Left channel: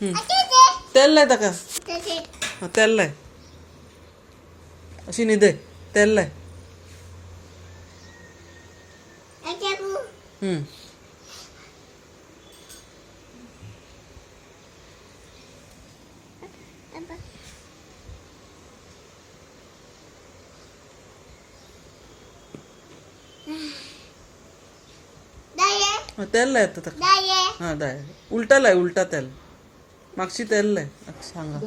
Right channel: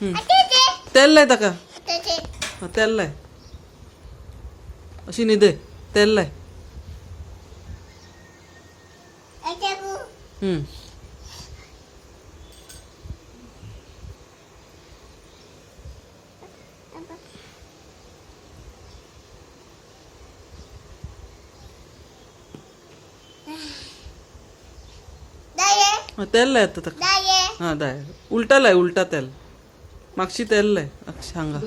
तेल लाय ताका तेल लाय अशी न्हिदय तेल लाय तेल लाय आता ताका हा दाय उलटा लाय उलटा तेल मागची तेल लाय सांगा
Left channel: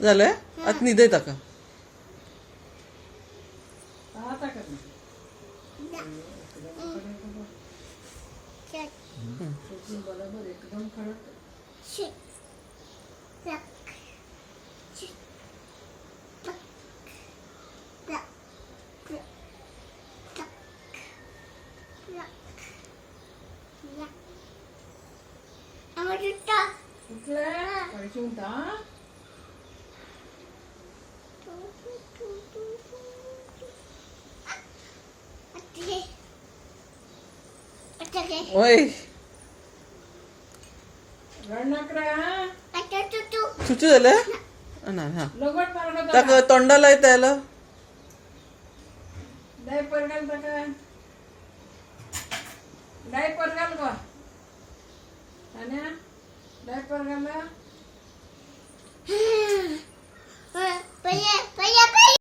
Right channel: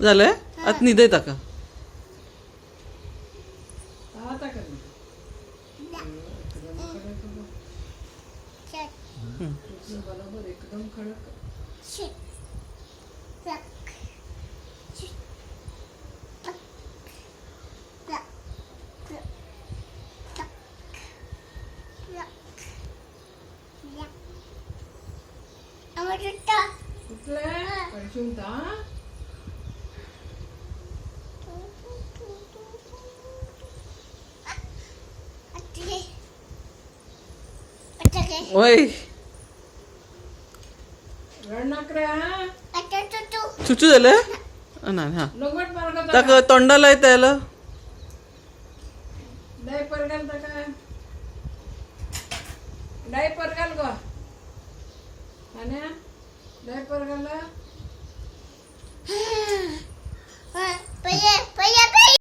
झालंय आत न्हिदय ताका एकदम कडक ओय चुचू झालं नाही हा ताका तोंडा लाय त्याला डायपर घाल गो डायपर घाल